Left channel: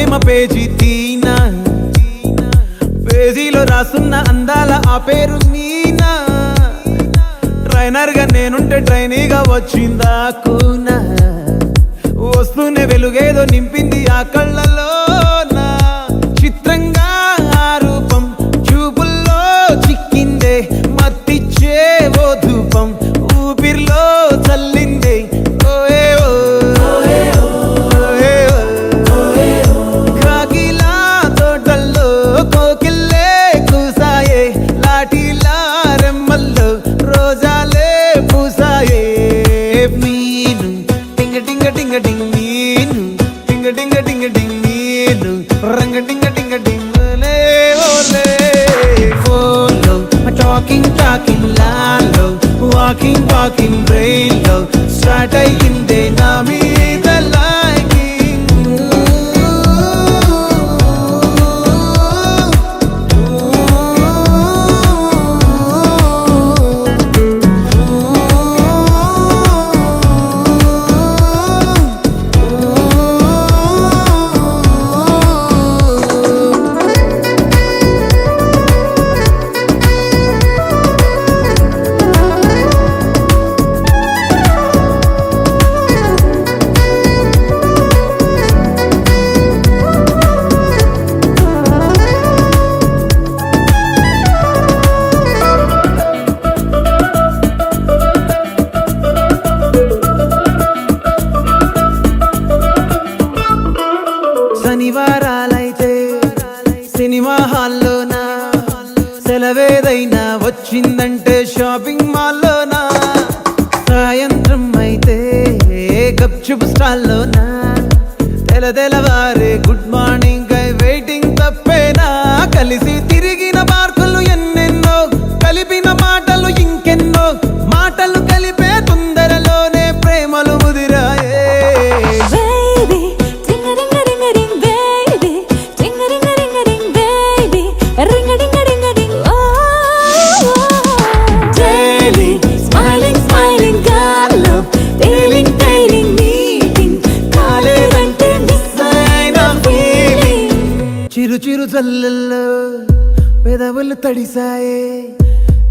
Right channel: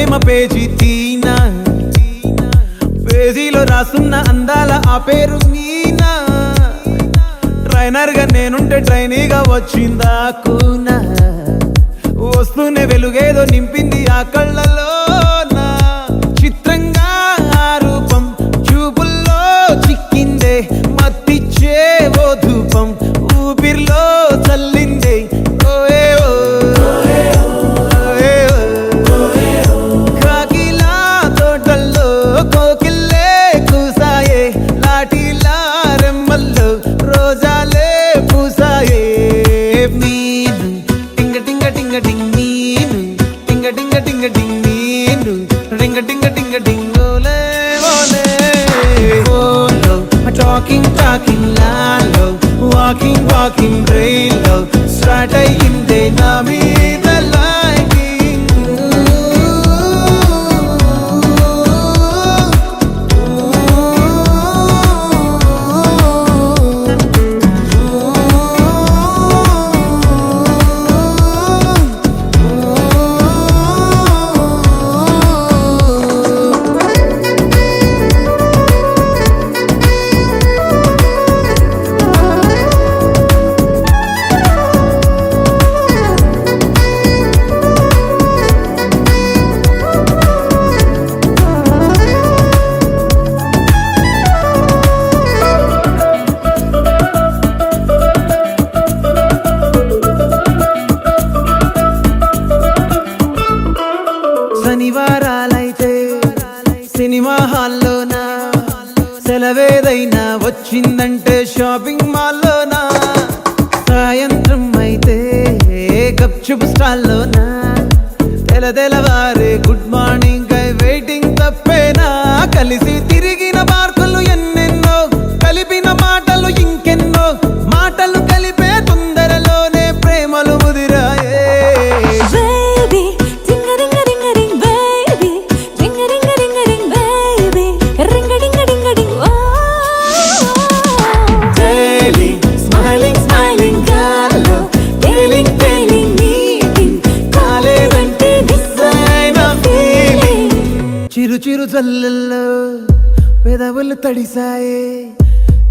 ప్రేమ page తీనా, పేజీలో రాసున్న అందాల ఆ పేరు మీనా. ట్రైనర్ గా నేనుంటే ట్రైనీగా వచ్చిందా కూనా, వస్తూనే వెలుగేదో నింపింది ఆ కళ్ళలోనా. చిత్రంగా ఆ రూపం చూపుల్లో చిక్కిందే, మత్తిచ్చే ఓ ధూపం ఊపిరిలో చల్లిందే. కాకిలా తోటల్లో కోకిల్లే కూసాయే, లాఠీలా రెమ్మల్లో రోజాలే పూసాయే. Talking lalo, walking brain lo, start ayyinde na meeda liking. శనివారాలైతే సినిమా హాల్లోనా, సెలవేదైనా వచ్చిందంటే షాపింగ్ మాల్లోనా. సాయంత్రం అయితే గప్చుప్ స్టాల్లోనా, తెలవారే గుడ్ మార్నింగ్ ఐ వెయిటింగ్ తప్పేనా. కలిసి తిరిగిన పార్కులు ఎన్నెన్నో, కలిపిన మాటలు ఇంకెన్నో, మాటలు కలిపే తొందరలోనే ప్రేమలు ముదిరాయే. చిరు చిరు జల్లల్లో పెదవులు తడిసాయే,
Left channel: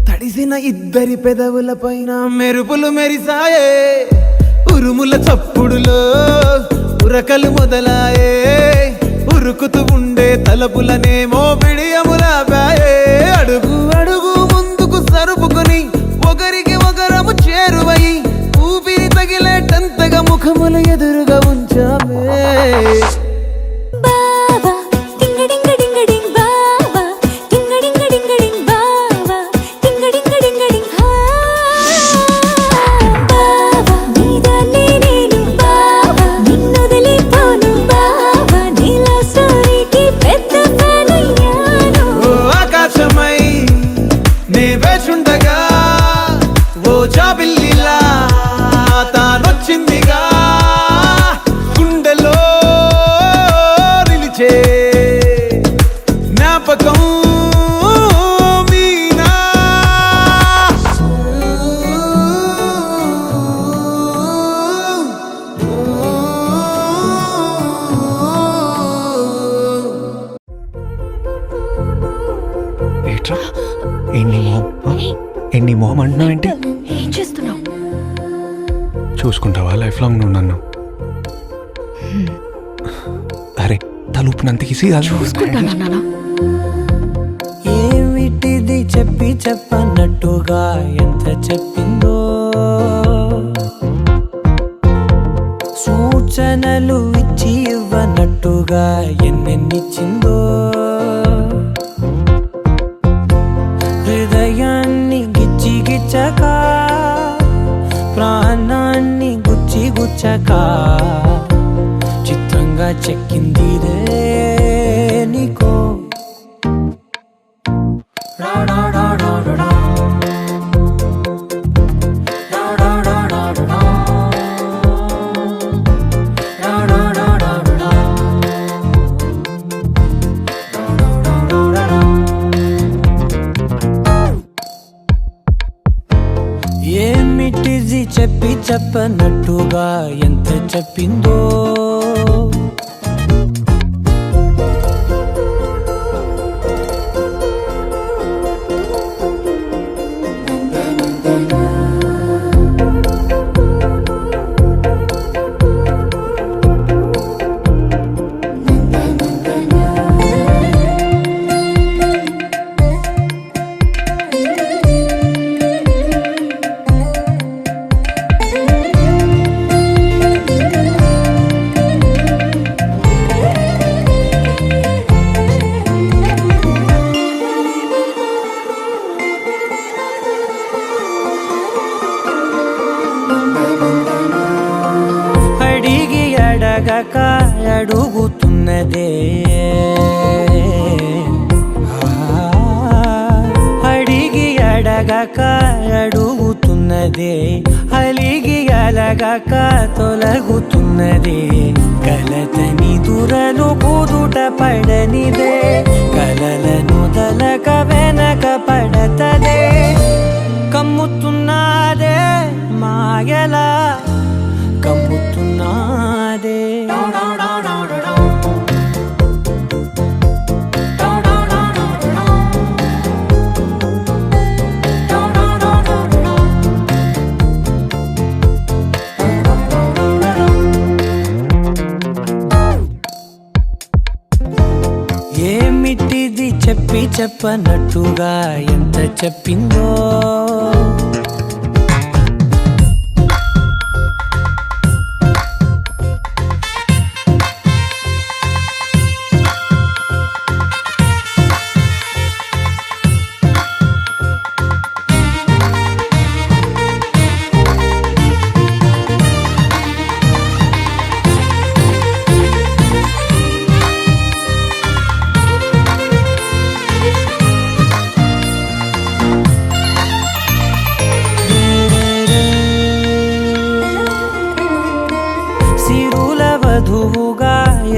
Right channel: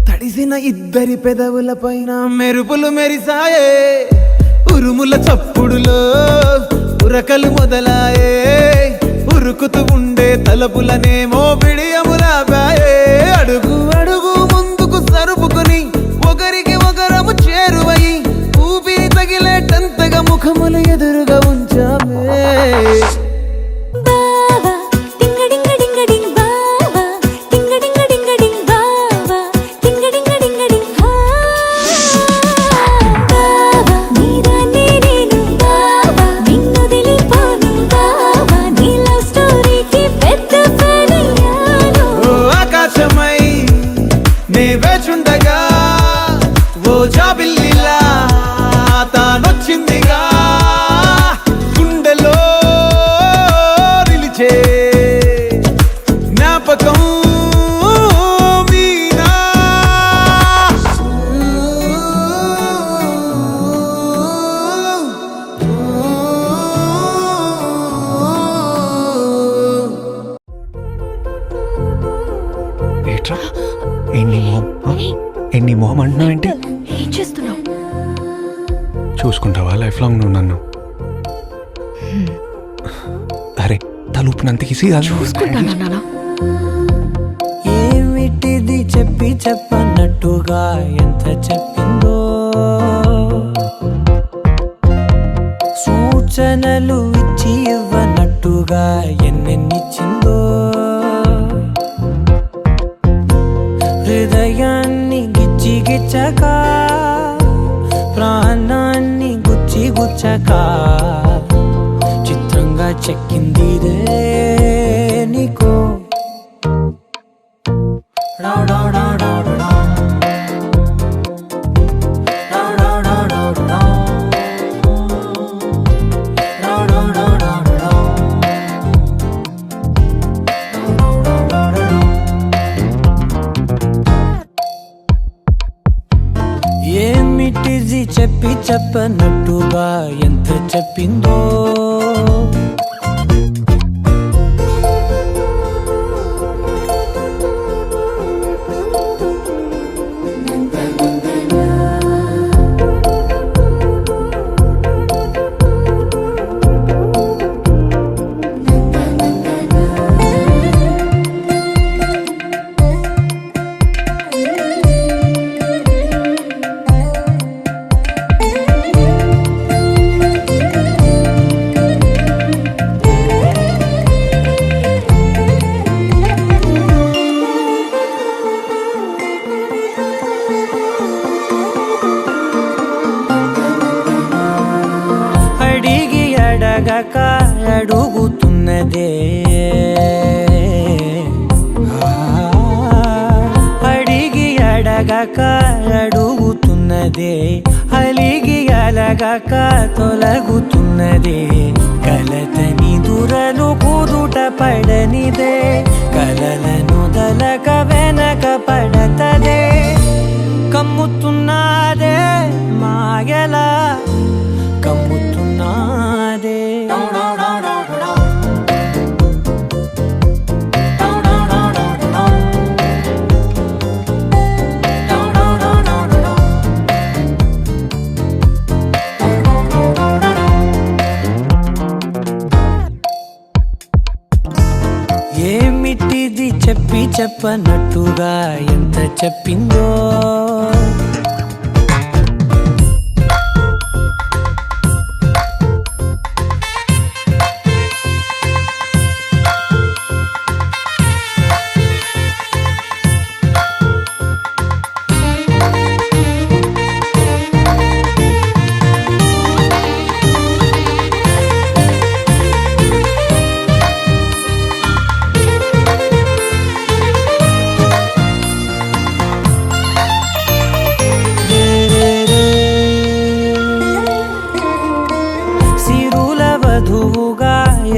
తడిసిన ఇద్దరి పెదవుల పైన మెరుపులు మెరిసాయే. ఉరుముల చప్పుడులో ఉరకలు మొదలాయే, ఉరుకుతూ ఉండే తలపులనేమో బిడియములాపాయే. అడుగు అడుగు ముందుకు సరుపుకుని ఒకరికి ఒకరము చేరువై, ఊపిరి తగిలేటంతగా ముఖములు ఎదురుగా ఉంచామే. నే వేచుండగా ఓ జాబిల్లిలా తానొచ్చిందిగా, గుండెలో నిలిచే జ్ఞాపకం మీనా. ఎన్ని మొహం అంటున్నావు ఏంటి? ఏం చేస్తున్నావు? చూసుకుంటావా లైఫ్ లాంగ్ నువ్వు నన్ను? అరే తలుపునంతకిసి చూసుకుంటానా నాన్న? ఏమిటిది చెప్పి చెప్పన్నట్టుగా ఎంత చెప్పిందో, సూచనలు ఇచ్చి ఇవ్వనట్టుగా ఎన్నెన్నిచ్చిందో. హృదయాన్ని గిచ్చి గిచ్చక, ప్రాణాన్ని గుచ్చి గుచ్చక, చిత్రంగా చెక్కిందిరే నీకో. ఏమిటిది చెప్పి చెప్పనట్టుగా ఎంత చెప్పిందో, అడుగుతున్నదే అడిగి అడగక అడుగుతున్నదే అలిగి అలగక తొలగుతున్నదే కలతని దురలు కుదుట పడనిదే కలలను దలక వెనక పడతదే కమ్ముతున్నదే మాయలా కమ్ముతున్నదే ఏమిటిది చెప్పి చెప్పనట్టుగా ఎంత చెప్పిందో సిరుల వధువుగా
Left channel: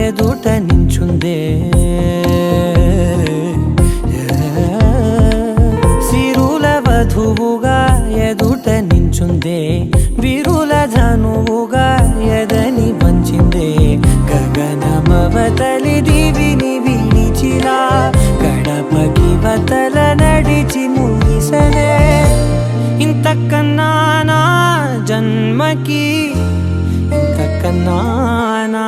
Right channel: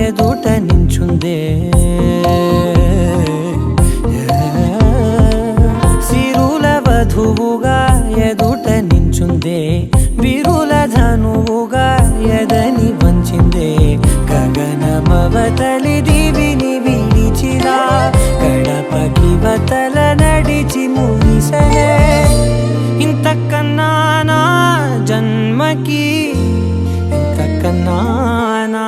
ఎదుట నించుందే సిరుల వధువుగా ఎదుట నించుందే విరుల ధనువుగా ఎదని వంచిందే గగనమవతలి దివిని విడిచిలా గడపకి వతల నడిచి ముగిసనే ఇంతకన్నా నా జన్మకి ఇంతకన్నానా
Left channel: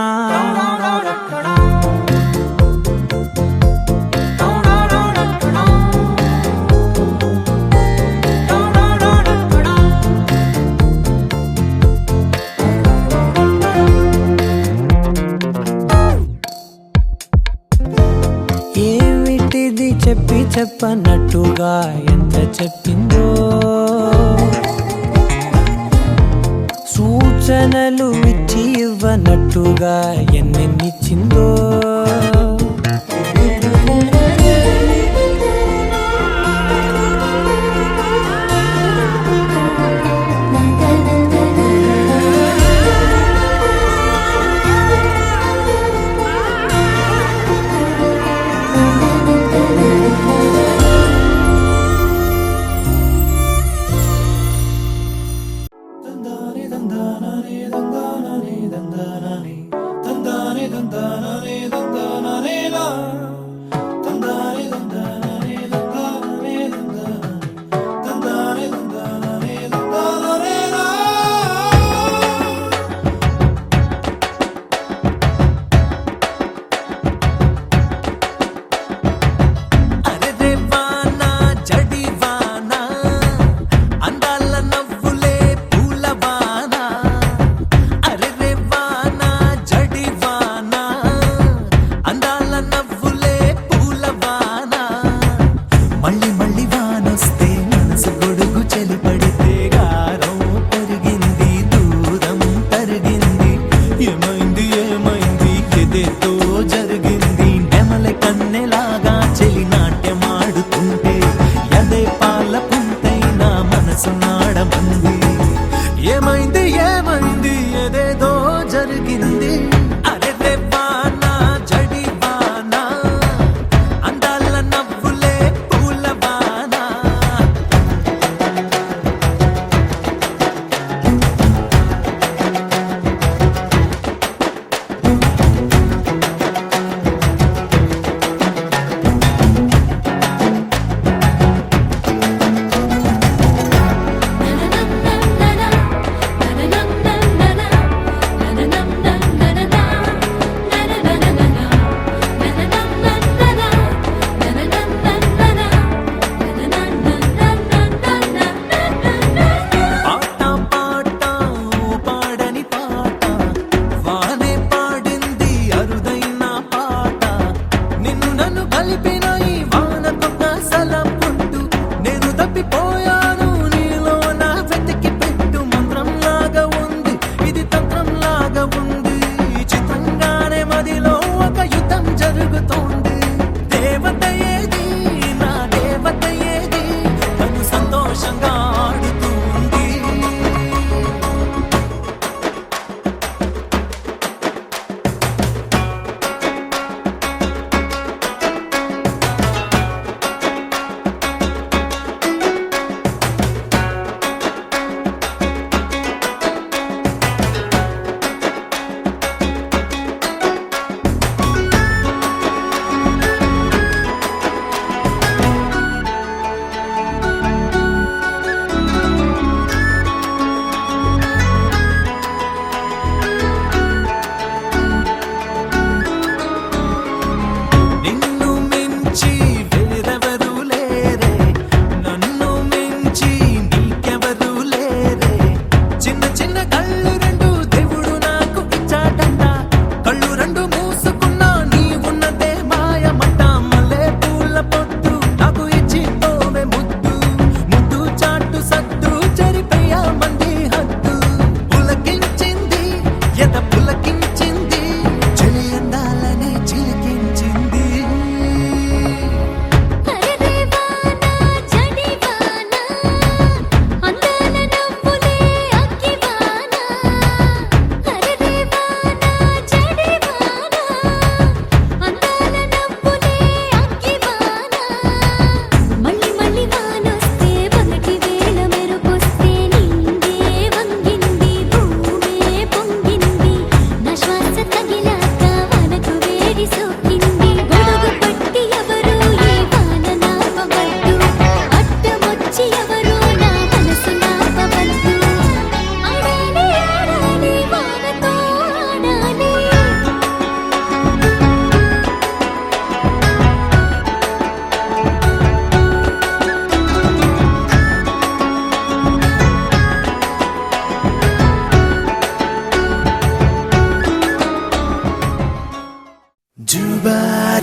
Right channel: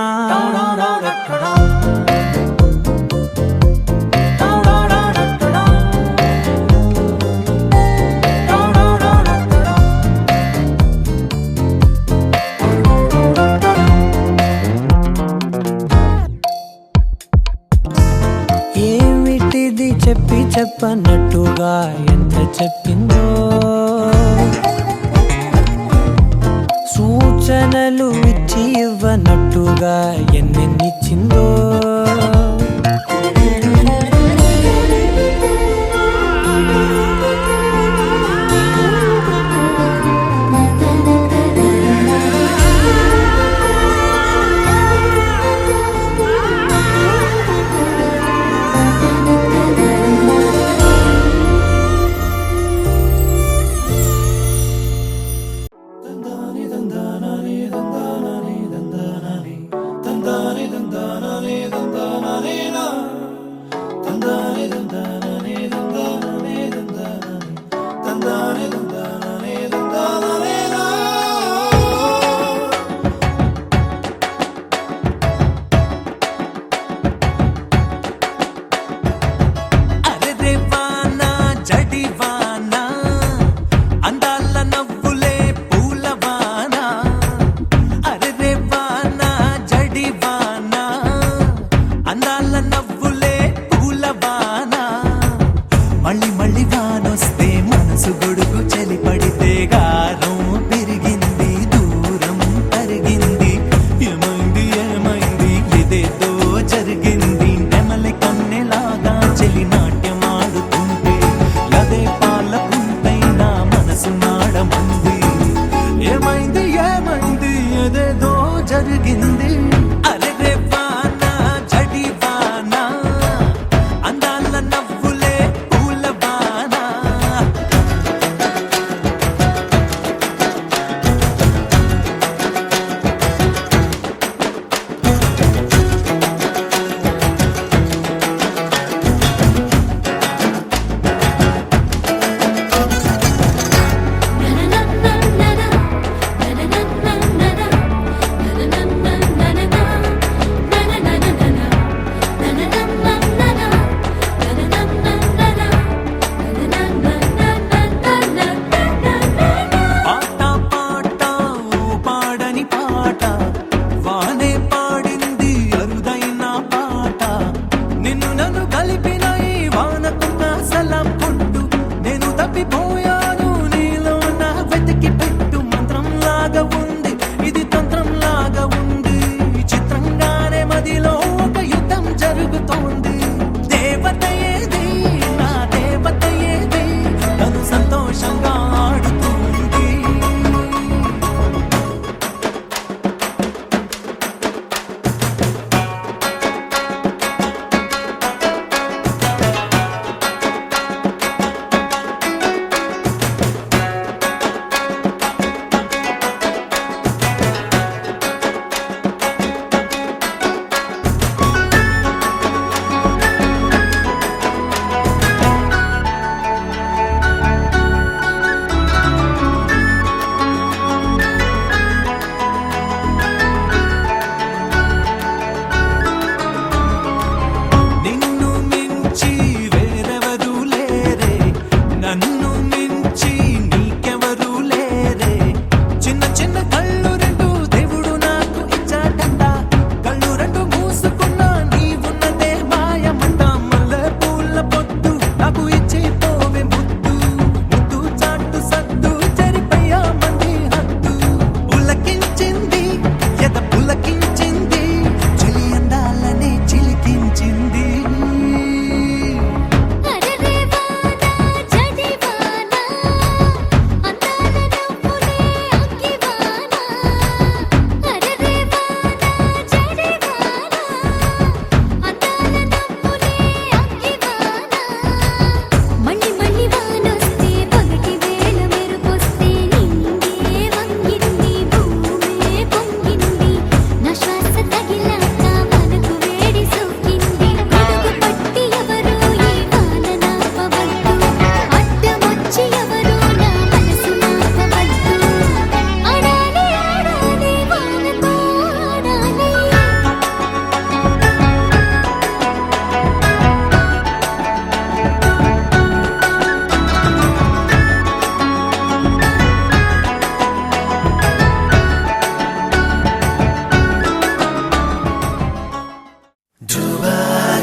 ఏమిటిది చెప్పి చెప్పనట్టుగా ఎంత చెప్పిందో సూచనలు ఇచ్చి ఇవ్వనట్టుగా ఎన్నెన్నిచ్చిందో తందానే తందానే తందానే తందానే తందానే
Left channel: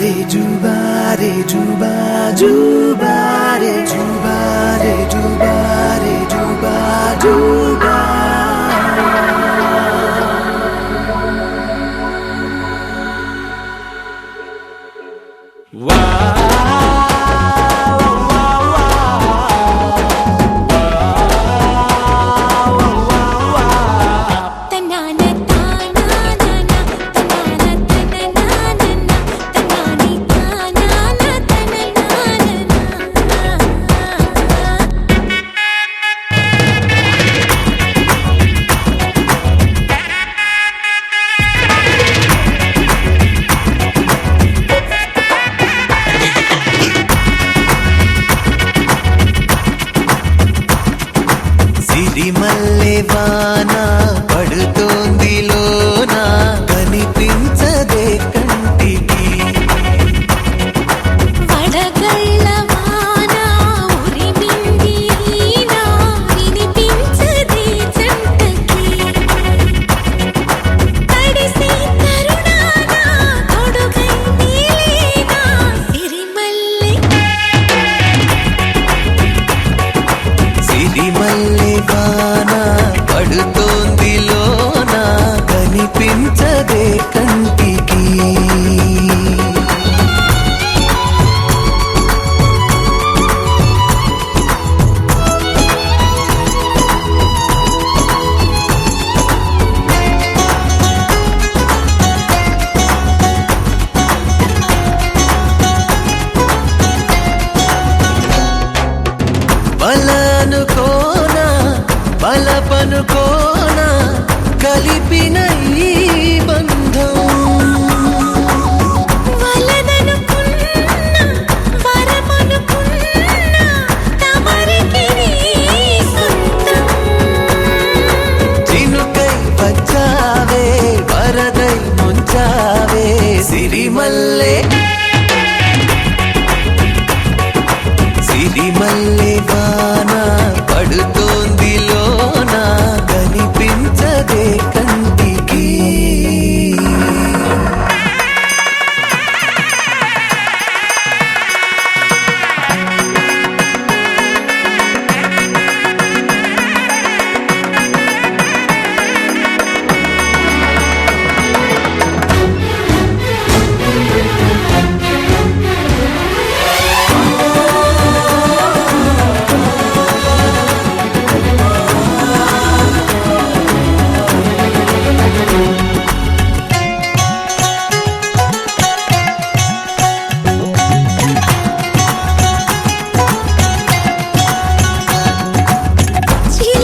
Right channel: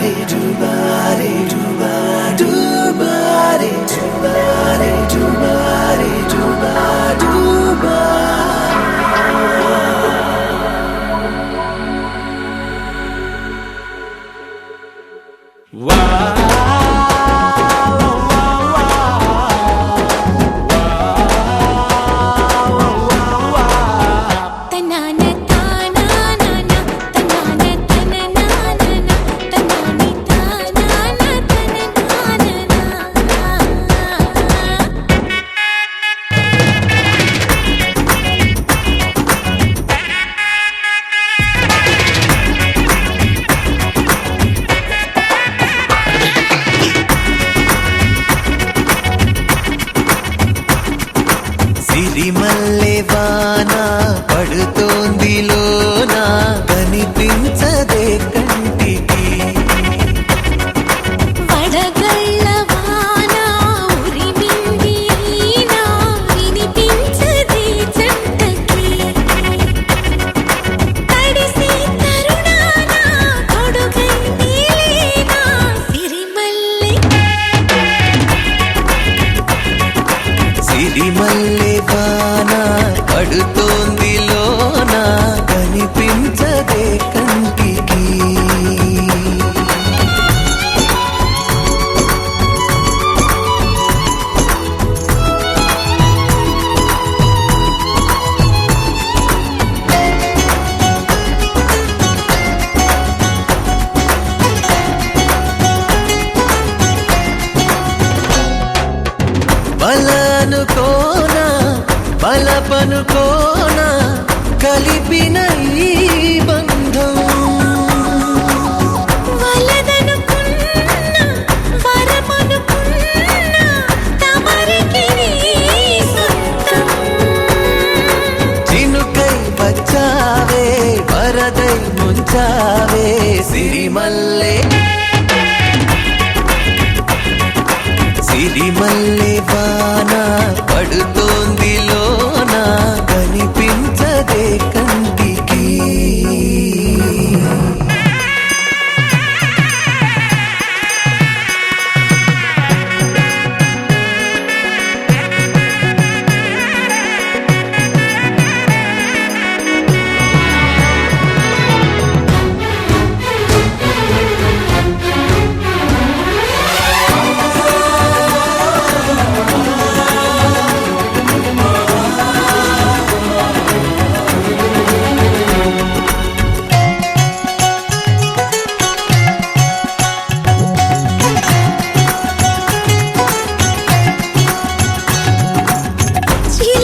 జుబారే జుబారే జుబా జుబారే జుబారే జుబారే జుబా జుబా సిరిమల్లె వాన పడుతోంది లోన కనిపించదే కంటికి వడగళ్ళ వాన ఉరిమింది అయినా వినిపించదే జంటకి తడిసి తరుణాన తొడుగై నీలేనా సిరిమల్లె సిరిమల్లె వాన పడుతోంది లోన కనిపించదే కంటికి బలనుకోనా బలపనుకోనా కలిపిన ఈ బంధం వలదనుకున్నా వరమనుకున్నా తమరికి నీ సొంతం చినుకై వచ్చావే వరదై ముంచావే సిరిమల్లె సిరిమల్లె వాన పడుతోంది లోన కనిపించదే కంటికి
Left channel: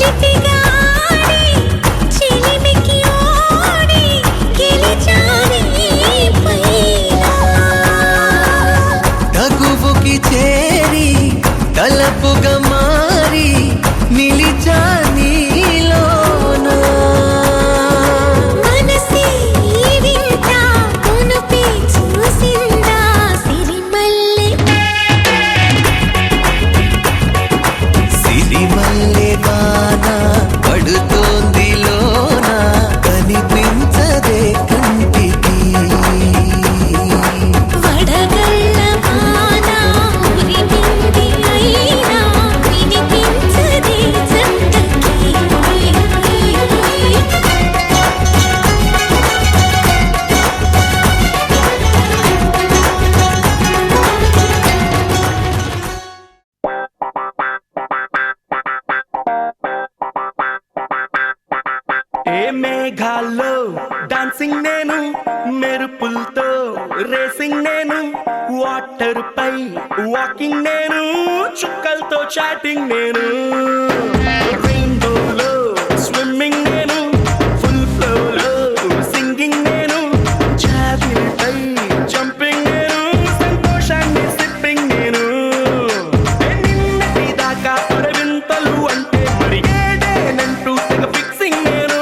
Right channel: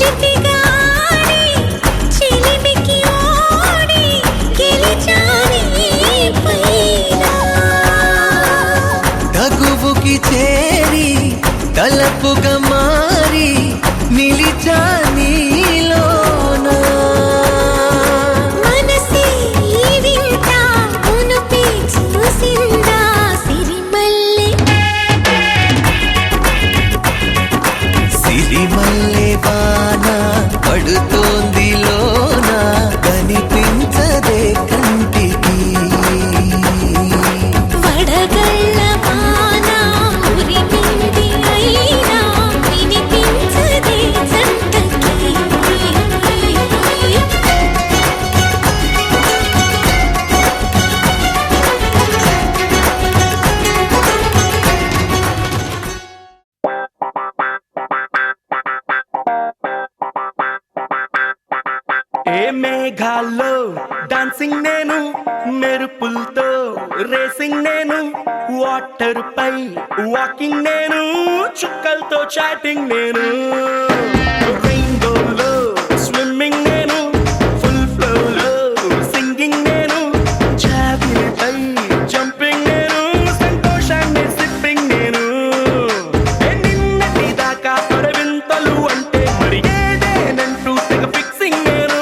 చిలిపిగాడి చిలిమికి ఓడి గెలిచాని పైన తగువుకి చేరి తలపుగా మారి నిలిచా నీలోన మనసి వింత మునుపి చూసిందా సిరిమల్లె సిరిమల్లె వాన పడుతోంది లోన కనిపించదే కంటికి వడగళ్ళ వాన ఉరిమింది అయినా వినిపించదే జంటకి ఏ మేఘాల్లో డాన్సింగ్ నేను మెరుపులతో రేసింగ్ నేను వాటర్ పై వాకింగ్ నేను చుక్కలతో చాటింగ్ నేను రెయిన్బోలో స్విమ్మింగ్ నేను ఫుల్ ఫ్లోలో సింగింగ్ నేను జాబిలిపై జంపింగ్ నేను సంతోషాన్ని సిప్పింగ్ నేను నిన్నటి దాకా అరవింతలు అంటే మరి ఏదేనంటూ తెగ ఫిక్సింగ్ నేను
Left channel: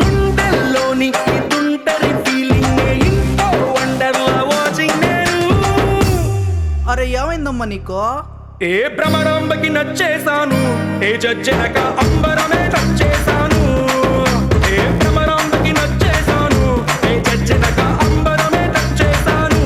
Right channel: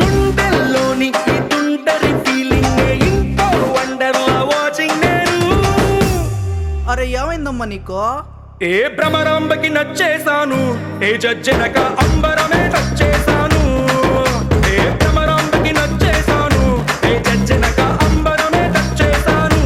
గుండెల్లోని ఈ తుంటరి ఫీలింగ్ ఇంకో వండర్లా వాచింగ్ నేను అరే ఏమైందమ్మా నీకో ఏ భ్రమరాంబకి నచ్చేశాను ఏ జజ్జనక అంబరమే నచ్చేశాను ఏ భ్రమరాంబకి నచ్చేశాను ఏ జజ్జనక అంబరమే నచ్చేశాను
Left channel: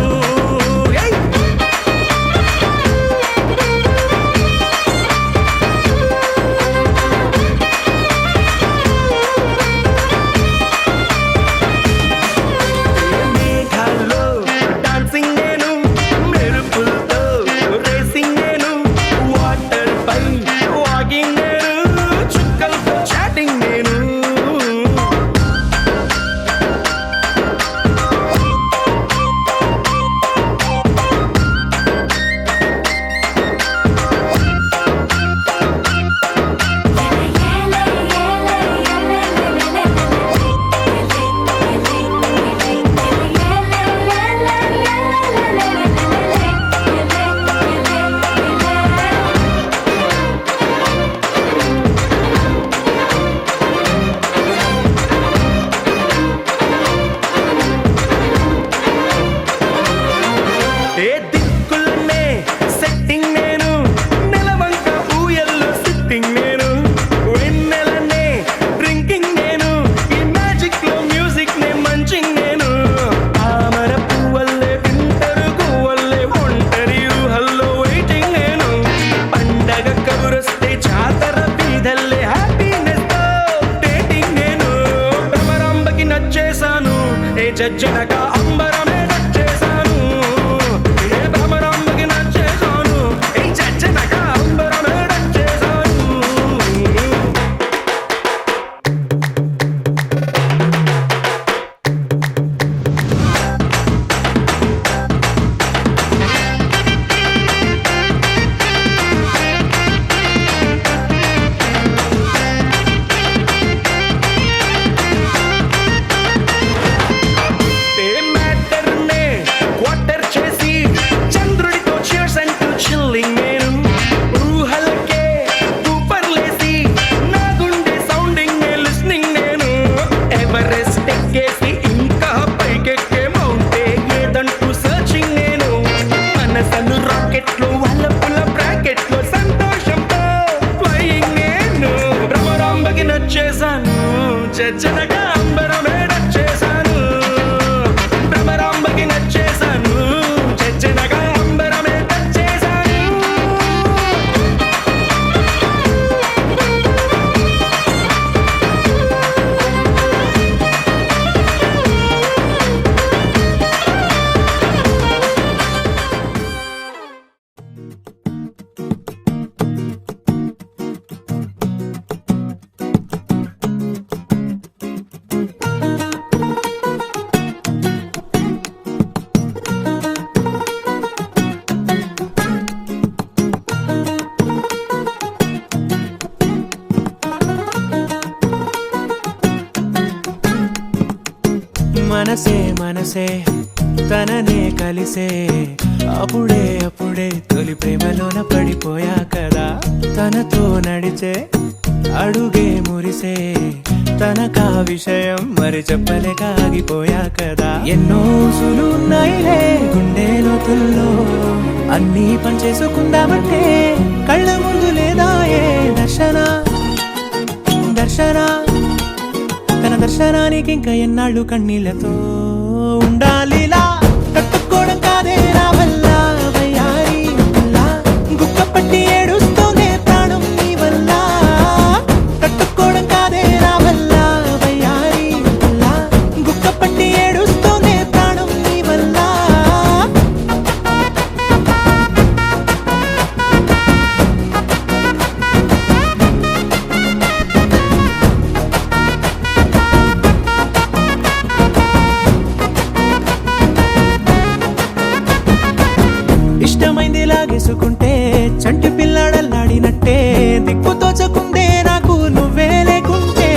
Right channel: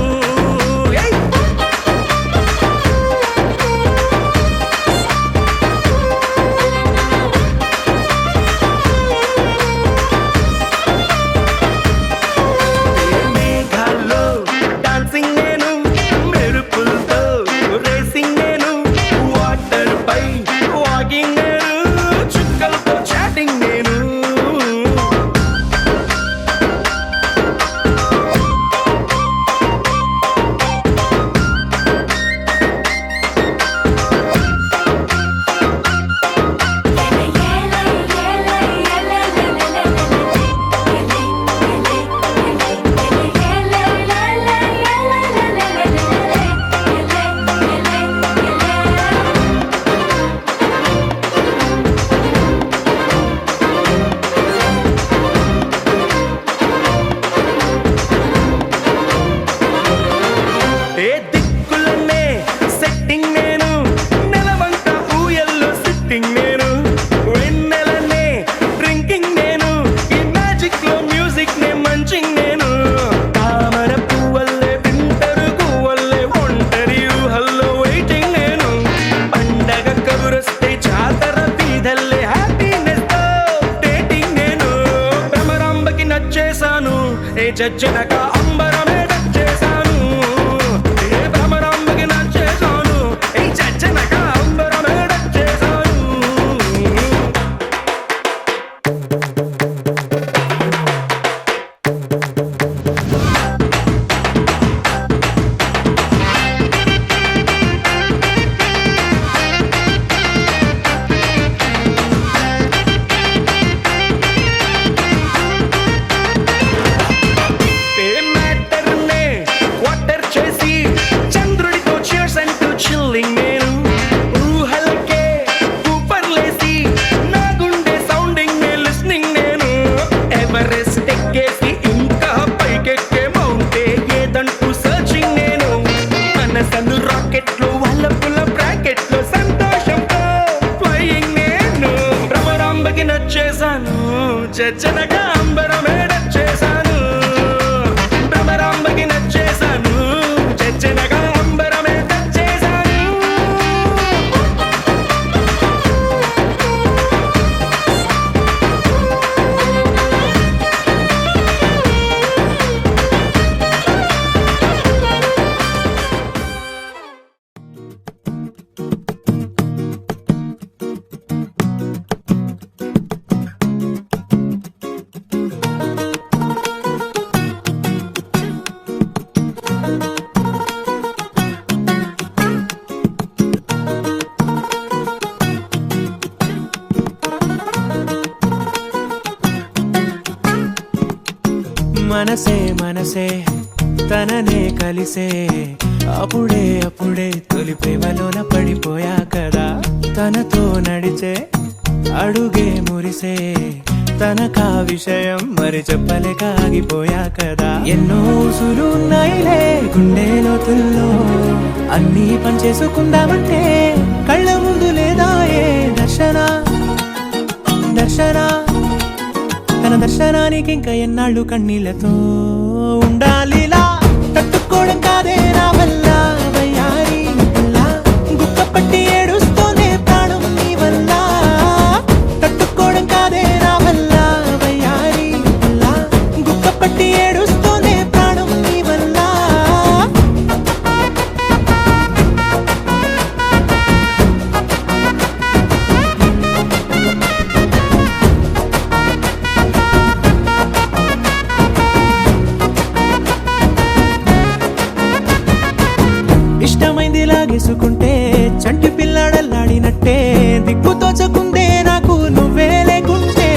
జజ్జనగా అంబరమే చేశాను ఏ భ్రమరాంబకి నచ్చేశాను ఏ జజ్జనగా అంబరమే చేశాను మ్యాటర్నే క్వార్టర్ చేసి చంద్రుడితో cheers అంటూ చిల్లింగ్ నేను ఊహలకే ఊపర్లేసి నా గుండె సౌండింగ్ లిస్నింగ్ నేను ఎవరెస్ట్ ఎక్కేసి ఇంకా పైకెక్కే మౌంటే ఏదంటూ సర్చింగ్ నేను మనసను రాకెట్ లో వల్లపుల బ్రాకెట్ లో సంతోషంతో ఫ్లయింగ్ నేను భ్రమరాంబకి నచ్చేశాను జజ్జనగా అంబరమే నచ్చేశాను భ్రమరాంబకి నచ్చేశాను జజ్జనగా అంబరమే నచ్చేశాను మనసే మనసే తననే కలిసే అప్పుడే అప్పుడే తొలి ప్రేమలోన పడిపోయా కదా తనతో నడిచే అడుగే మురిసే తనకా విషయం మరి చెప్పలేక ఆగిపోయా కదా ఎన్నో ఊసులు ఉన్నాయిలే గుండె లోతుల్లో అన్నీ పనిచేసుకుందామంటే కళ్ళ ముందు లేదా ఏ దర్శన దర్శన తన దర్శనానికి ఇంకా ఎన్నాళ్ళు కన్నీళ్లతో ఉండాలిలా తట్టుకోవడం కాదే నా వల్ల వయ్యారి పిల్ల గుక్క పట్టి ఏడుస్తోందే ప్రాణం నీ వల్ల తట్టుకోవడం కాదే నా వల్ల వయ్యారి పిల్ల గుక్క పట్టి ఏడుస్తోందే ప్రాణం నీ వల్ల ఇష్టమైంది లాగేసుకుంటే చంటి పిల్లాడల్లాడినట్టే దిక్కు తోచకుందే నాకు నువ్వే లేకుంటే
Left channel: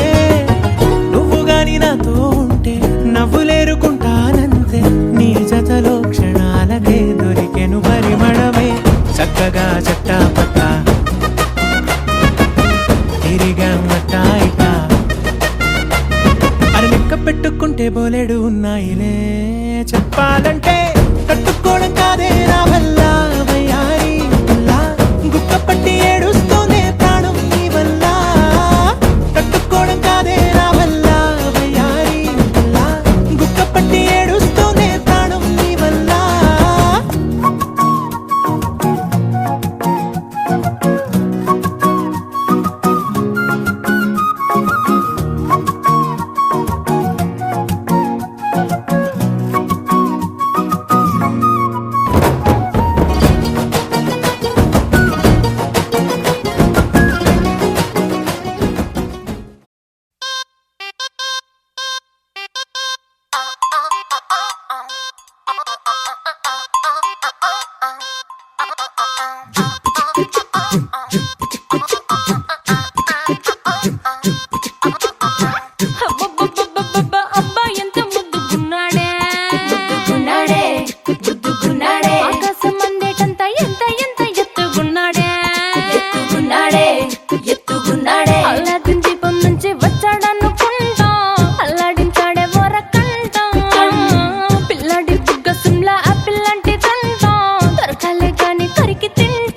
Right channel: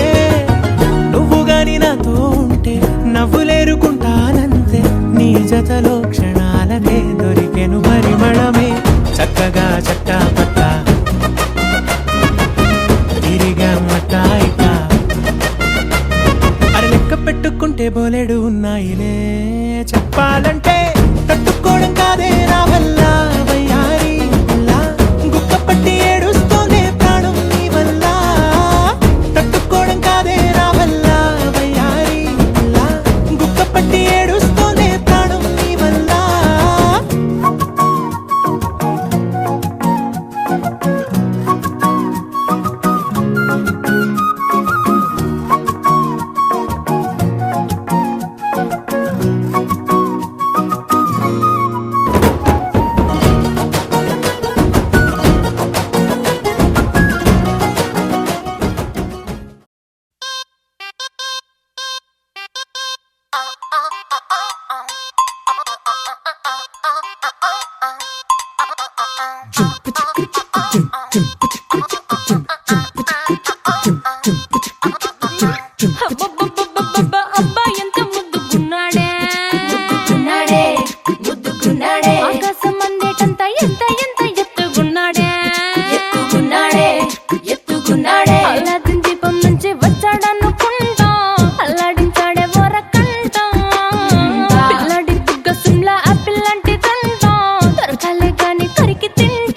నువ్వు గాని నాతో ఉంటే నవ్వులేరుకుంటానంతే నీ జతలో క్షణాలకే దొరికెను పరిమళమే చక్కగా చట్టా పట్టా తిరిగా మట్టా ఇటా అర లెక్క పెట్టుకుంటే బోలెడు ఉన్నాయిలే చెప్పాలంటే తట్టుకోవడం కాదే నా వల్ల వయ్యారి పిల్ల గుక్క పట్టి ఏడుస్తోందే ప్రాణం నీ వల్ల తట్టుకోవడం కాదే నా వల్ల వయ్యారి పిల్ల గుక్క పట్టి ఏడుస్తోందే ప్రాణం నీ వల్ల అబ్బబ్బబ్బబ్బబ్బ, అబ్బా ఎంత ముద్దుగున్నాడే ఆకాశం అందేటంత ఎంత ఎంత ఎత్తుగున్నాడే అల్లాదిన్ దీపం నుంచి వచ్చాడనుకుంటా అల్లాడించాడే వరకంట పిల్లాడి బుగ్గ సిమ్లా ఆపిల్ లాంటిదంట దొరకాలే గాని కరికి తింటా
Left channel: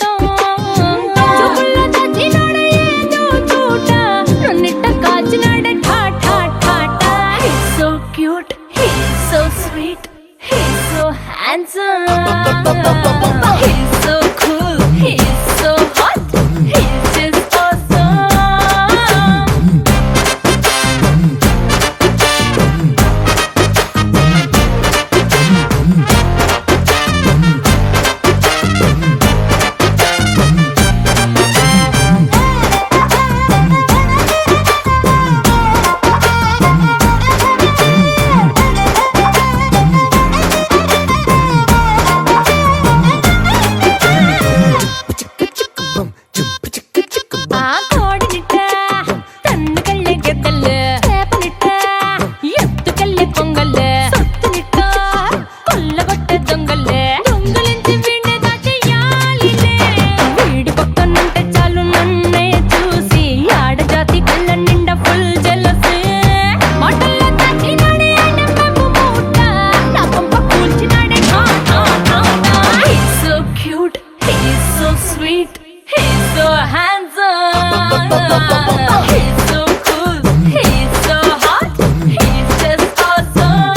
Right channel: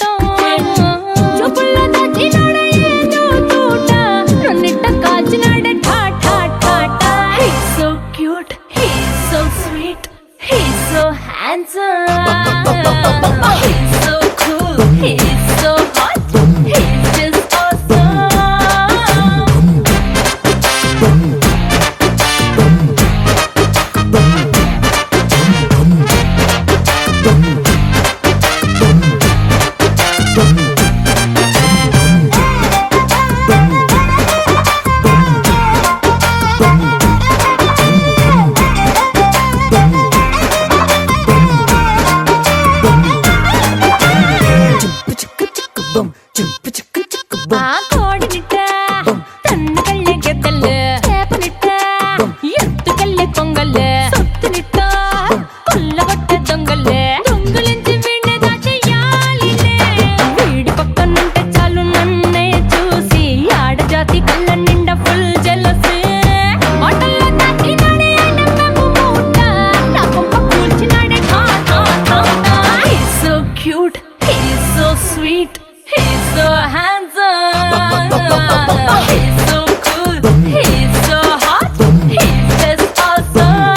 He's so cool, he's so hot, he's just awesome.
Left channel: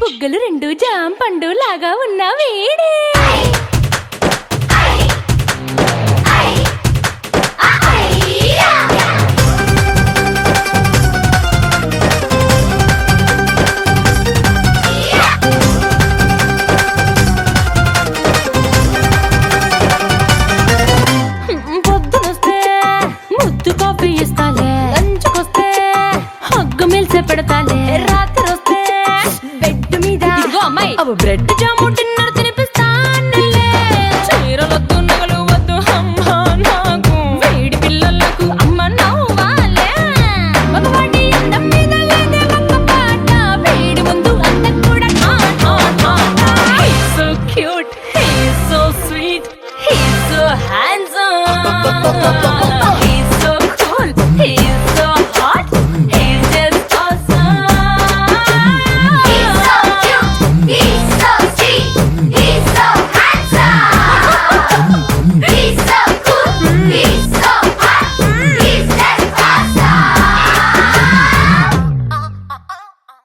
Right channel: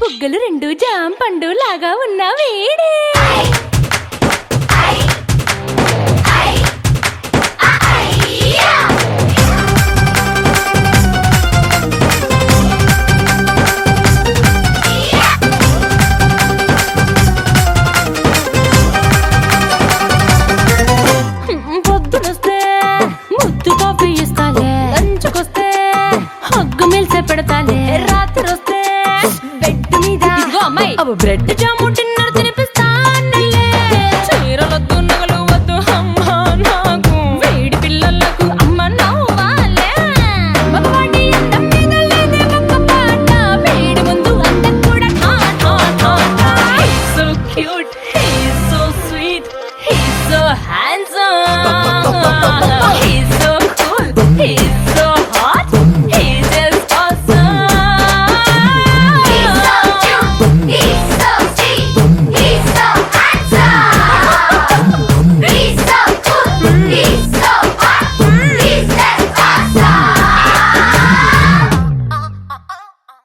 బుగ్గలు రెండు జామ పండు లాగా ఉన్న వేడే పొద్దునొస్తే ముద్దు కాఫీ ఇస్తాలే లంచ్కొస్తే హగ్గు మిల్సే పెడతాలే రాత్రి వస్తే బెడ్ మీద ఇదిగో అమ్మాయి అవి బ్రెడ్ జాము తిన్న